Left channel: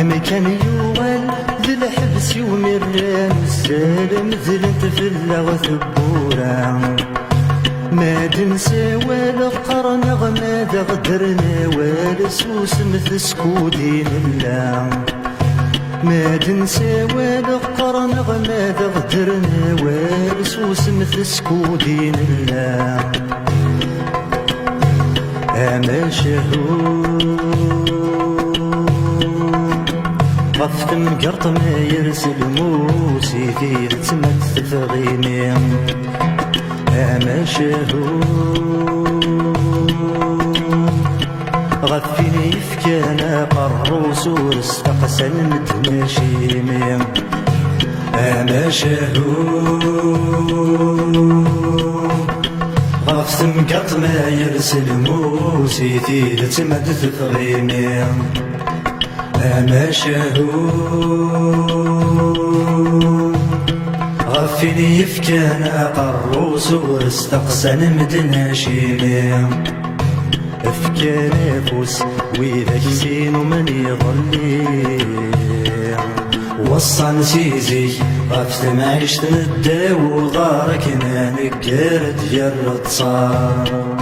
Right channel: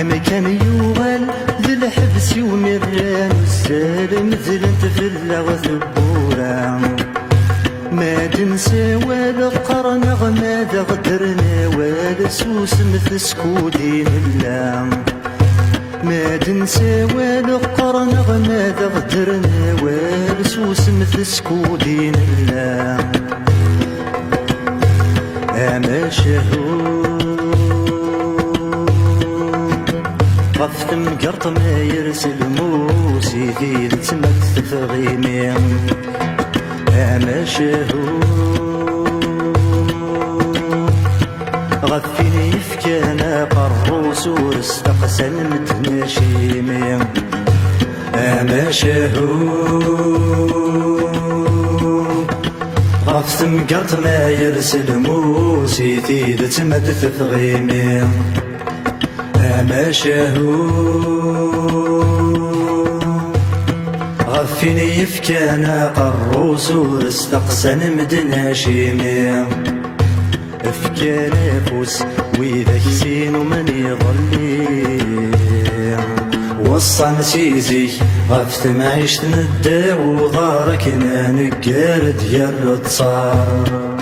أما كان يوغل ذي الحبس يومران والسالم ذلنت في اللغة ثبورا ما دنسى ولا قرنا ماذا غدرنا ولا سوس مثل سكودين الله ما دنسى ولا قرنا ماذا غدرنا ولا سوس مثل سكودين الله أما شهور غفت مقرط ما يرسل موسي في تمت تفغيمي أما شهور غفيني يفكانا قروس ورستقسن مدناشيمي أما شهور غفت مقرط ما يرسل موسي في تمت تفغيمي أما شهور غفني يفكانا قروس ورستقسن مدن هاشيمي افكانا فوس وإذا كسين ومن يضلي وصان سيزي غفت معيشت ندى وضارك نقار ديال التصار